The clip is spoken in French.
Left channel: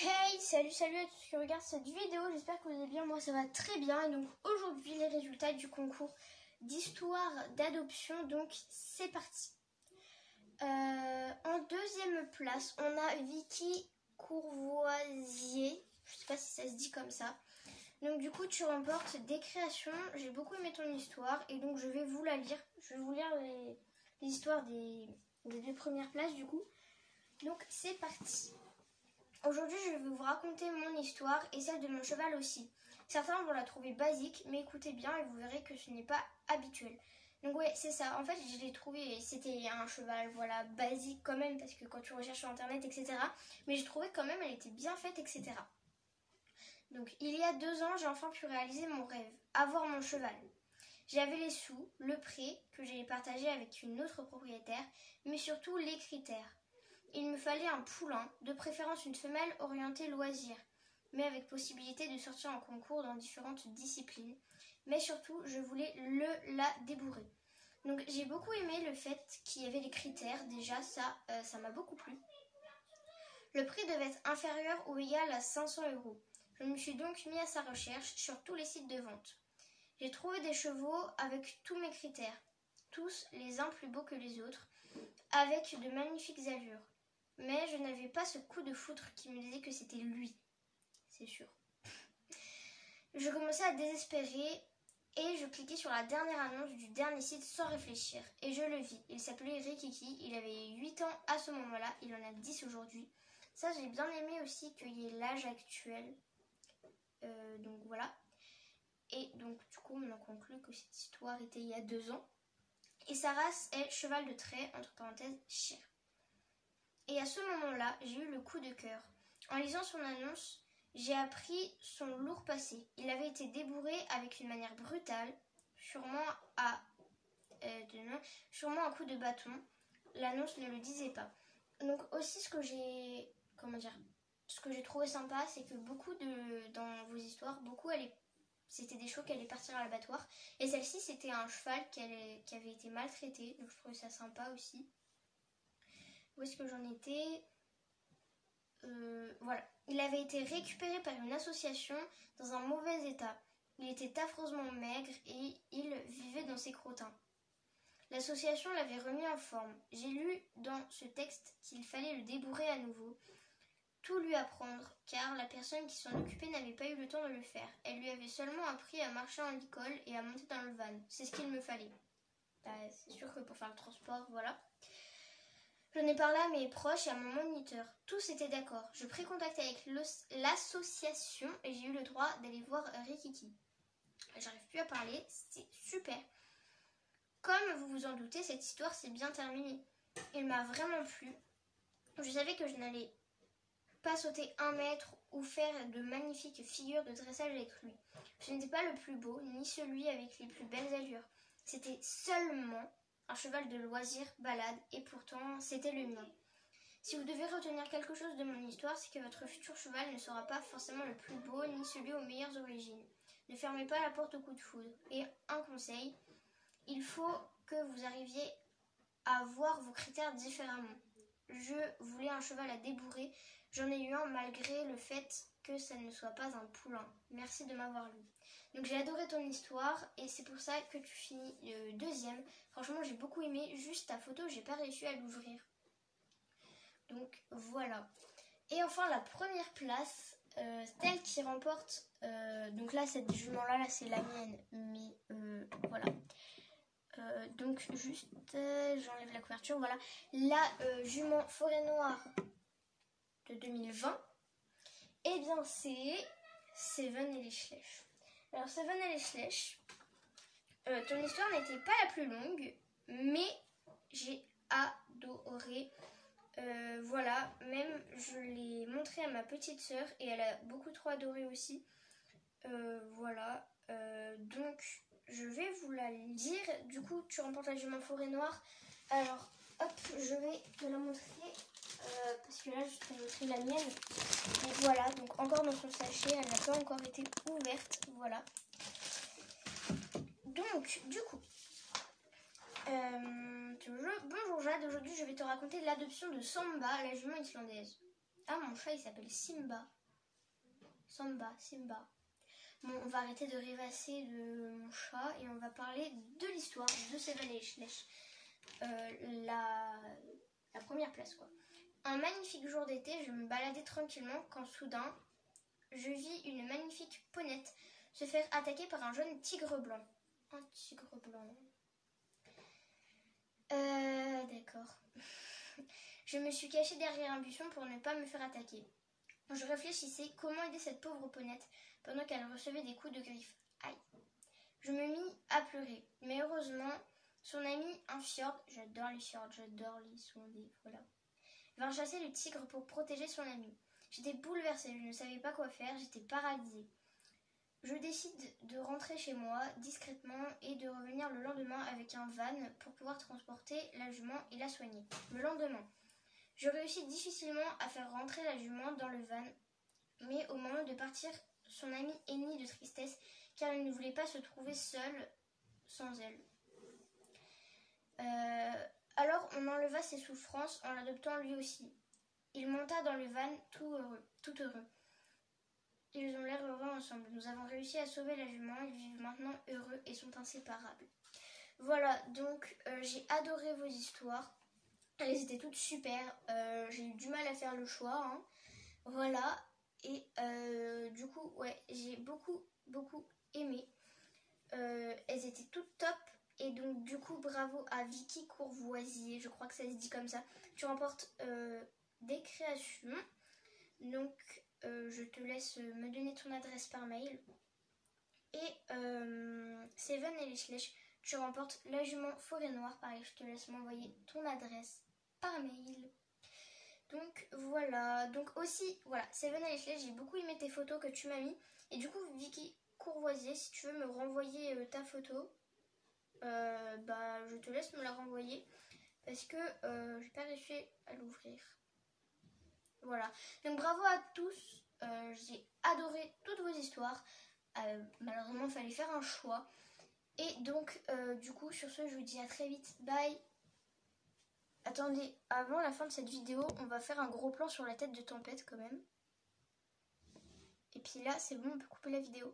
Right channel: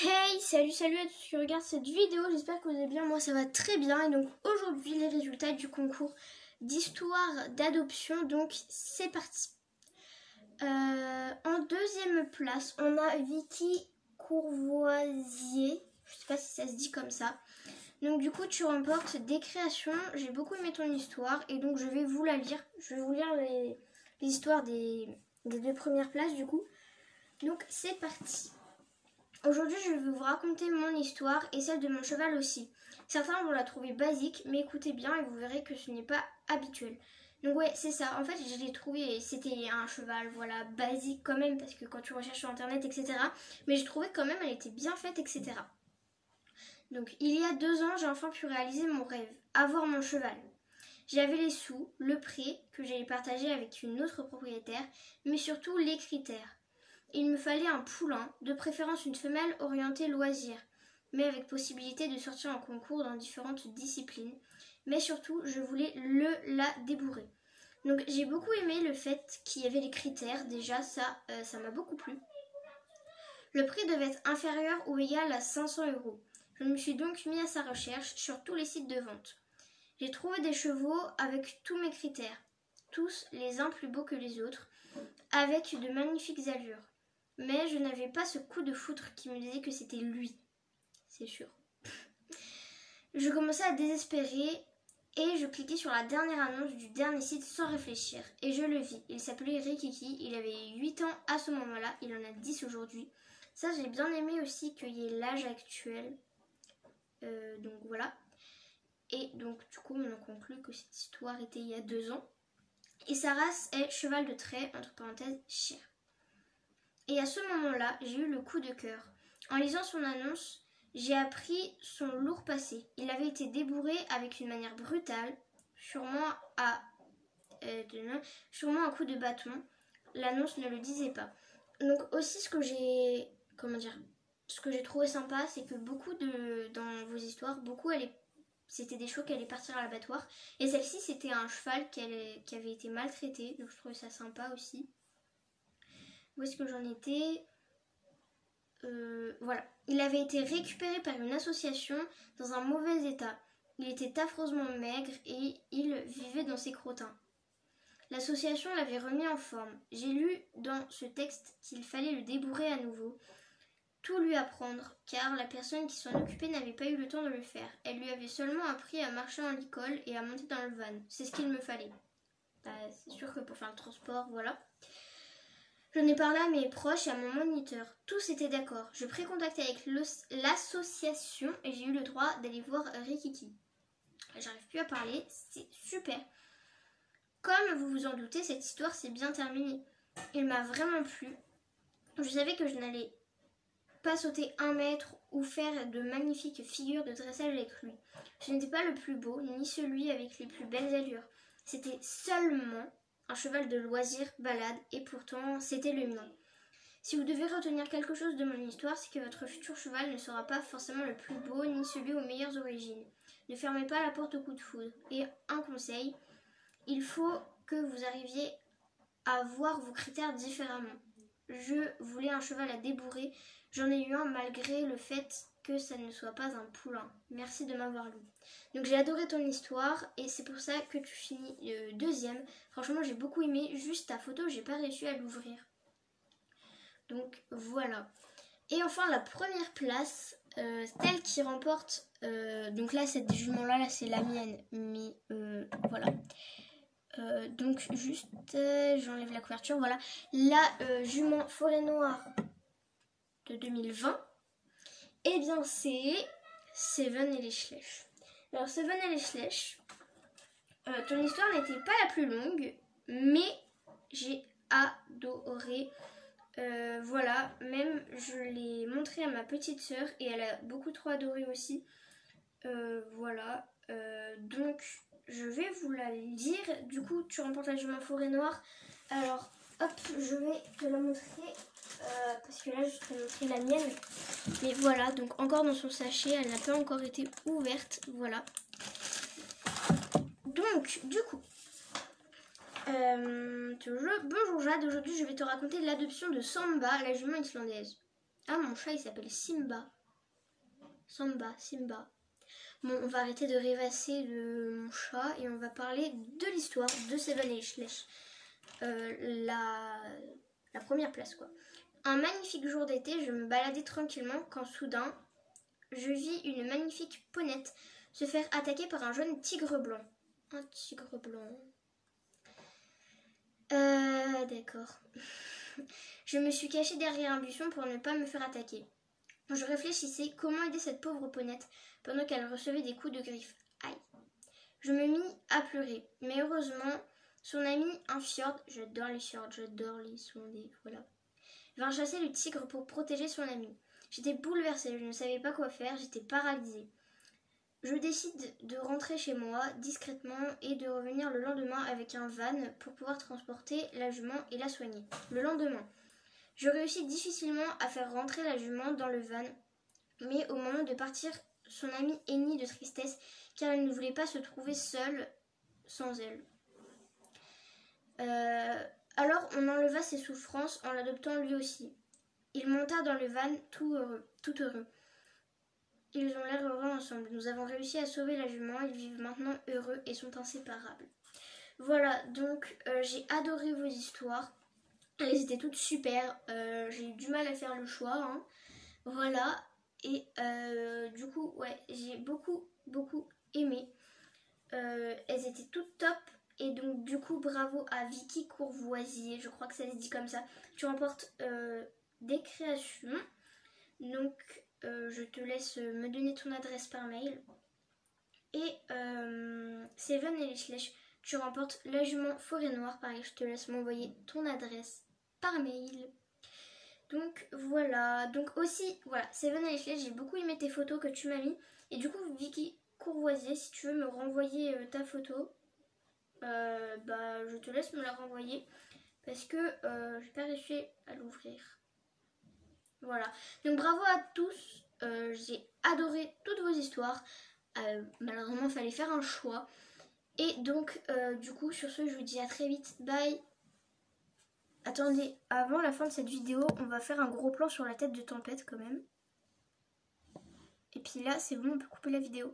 Hey, salut à tous qui regardent cette vidéo, j'espère que vous allez bien, moi ça va très bien. Et donc aujourd'hui les résultats du concours d'histoire d'adoption, donc c'est parti. En deuxième place, on a Vicky Courvoisier, je sais pas si ça se dit comme ça. Donc du coup tu remportes des créations, j'ai beaucoup aimé ton histoire et donc je vais vous la lire. Je vais vous lire les histoires des deux premières places du coup. Donc c'est parti. Aujourd'hui, je vais vous raconter mon histoire et celle de mon cheval aussi. Certains vont la trouver basique, mais écoutez bien et vous verrez que ce n'est pas habituel. Donc ouais, c'est ça. En fait, je l'ai trouvé et c'était un cheval, voilà, basique quand même, parce que quand tu recherches sur internet, etc. Mais j'ai trouvé quand même, elle était bien faite, etc. Donc il y a 2 ans, j'ai enfin pu réaliser mon rêve, avoir mon cheval. J'avais les sous, le prêt que j'allais partager avec une autre propriétaire, mais surtout les critères. Il me fallait un poulain, de préférence une femelle orientée loisir, mais avec possibilité de sortir en concours dans différentes disciplines. Mais surtout, je voulais la débourrer. Donc j'ai beaucoup aimé le fait qu'il y avait les critères, déjà ça m'a beaucoup plu. Le prix devait être inférieur ou égal à 500 €. Je me suis donc mis à sa recherche sur tous les sites de vente. J'ai trouvé des chevaux avec tous mes critères, tous les uns plus beaux que les autres, avec de magnifiques allures. Mais je n'avais pas ce coup de foudre qui me disait que c'était lui, c'est sûr. Je commençais à désespérer et je cliquais sur la dernière annonce du dernier site sans réfléchir. Et je le vis, il s'appelait Rikiki, il avait 8 ans à ce moment-là, il en a 10 aujourd'hui. Ça, j'ai bien aimé aussi qu'il y ait l'âge actuel. Donc voilà. Et donc du coup, on en conclut que cette histoire était il y a 2 ans. Et sa race est cheval de trait, entre parenthèses, chien. Et à ce moment-là, j'ai eu le coup de cœur. En lisant son annonce, j'ai appris son lourd passé. Il avait été débourré avec une manière brutale, sûrement un coup de bâton. L'annonce ne le disait pas. Donc aussi ce que j'ai trouvé sympa, c'est que dans vos histoires, c'était des chevaux qui allaient partir à l'abattoir. Et celle-ci, c'était un cheval qui avait été maltraité. Donc je trouvais ça sympa aussi. Où est-ce que j'en étais ? Voilà. Il avait été récupéré par une association dans un mauvais état. Il était affreusement maigre et il vivait dans ses crottins. L'association l'avait remis en forme. J'ai lu dans ce texte qu'il fallait le débourrer à nouveau, tout lui apprendre, car la personne qui s'en occupait n'avait pas eu le temps de le faire. Elle lui avait seulement appris à marcher en licol et à monter dans le van. C'est ce qu'il me fallait. C'est sûr que pour faire le transport, voilà. J'en ai parlé à mes proches et à mon moniteur. Tous étaient d'accord. Je pris contact avec l'association et j'ai eu le droit d'aller voir Rikiki. J'arrive plus à parler, c'est super. Comme vous vous en doutez, cette histoire s'est bien terminée. Il m'a vraiment plu. Je savais que je n'allais pas sauter 1 mètre ou faire de magnifiques figures de dressage avec lui. Je n'étais pas le plus beau, ni celui avec les plus belles allures. C'était seulement un cheval de loisir balade, et pourtant c'était le mien. Si vous devez retenir quelque chose de mon histoire, c'est que votre futur cheval ne sera pas forcément le plus beau, ni celui aux meilleures origines. Ne fermez pas la porte au coup de foudre. Et un conseil, il faut que vous arriviez à voir vos critères différemment. Je voulais un cheval à débourrer, j'en ai eu un malgré le fait que ça ne soit pas un poulain. Merci de m'avoir lu. Donc j'ai adoré ton histoire et c'est pour ça que tu finis deuxième. Franchement j'ai beaucoup aimé, juste ta photo j'ai pas réussi à l'ouvrir. Donc voilà. Et enfin la première place, celle qui remporte, donc là cette jument là c'est la mienne, mais voilà. Donc juste j'enlève la couverture, voilà. La jument forêt noire de 2020, et bien c'est Seven et les Schlech. Alors Seven et les Schlech, ton histoire n'était pas la plus longue, mais j'ai adoré. Voilà, même je l'ai montré à ma petite sœur et elle a beaucoup trop adoré aussi. Voilà, donc je vais vous la lire. Du coup, tu remportes la jument forêt noire. Alors, hop, je vais te la montrer parce que là, je te montrer la mienne. Mais voilà, donc encore dans son sachet, elle n'a pas encore été ouverte. Voilà. Donc, du coup, bonjour Jade, aujourd'hui je vais te raconter l'adoption de Samba, la jument islandaise. Ah, mon chat, il s'appelle Simba. Simba. Bon, on va arrêter de rêvasser de mon chat et on va parler de l'histoire de Seven et Schleich. La première place, quoi. Un magnifique jour d'été, je me baladais tranquillement quand soudain, je vis une magnifique ponette se faire attaquer par un jeune tigre blanc. Un tigre blanc. D'accord. Je me suis cachée derrière un buisson pour ne pas me faire attaquer. Je réfléchissais comment aider cette pauvre ponette pendant qu'elle recevait des coups de griffe. Aïe. Je me mis à pleurer, mais heureusement, son ami, un fjord, j'adore les fjords, j'adore les sondés, voilà, vint chasser le tigre pour protéger son ami. J'étais bouleversée, je ne savais pas quoi faire, j'étais paralysée. Je décide de rentrer chez moi discrètement et de revenir le lendemain avec un van pour pouvoir transporter la jument et la soigner. Le lendemain, je réussis difficilement à faire rentrer la jument dans le van, mais au moment de partir, son ami hennit de tristesse car il ne voulait pas se trouver seul sans elle. Alors on enleva ses souffrances en l'adoptant lui aussi. Il monta dans le van tout heureux. Ils ont l'air heureux ensemble. Nous avons réussi à sauver la jument. Ils vivent maintenant heureux et sont inséparables. Voilà, donc j'ai adoré vos histoires. Elles étaient toutes super. J'ai eu du mal à faire le choix. Hein. Voilà. Et du coup, ouais, j'ai beaucoup aimé. Elles étaient toutes top. Et donc du coup, bravo à Vicky Courvoisier. Je crois que ça se dit comme ça. Tu remportes des créations. Donc je te laisse me donner ton adresse par mail. Et Seven et les Schleich, tu remportes la jument forêt noire. Pareil, je te laisse m'envoyer ton adresse par mail. Donc voilà. Donc aussi, voilà, Seven et les Schleich, j'ai beaucoup aimé tes photos que tu m'as mis. Et du coup, Vicky Courvoisier, si tu veux me renvoyer ta photo, je te laisse me la renvoyer. Parce que j'ai pas réussi à l'ouvrir. Voilà, donc bravo à tous, j'ai adoré toutes vos histoires, malheureusement il fallait faire un choix, et donc du coup sur ce je vous dis à très vite, bye. Attendez, avant la fin de cette vidéo, on va faire un gros plan sur la tête de Tempête quand même, et puis là c'est bon, on peut couper la vidéo.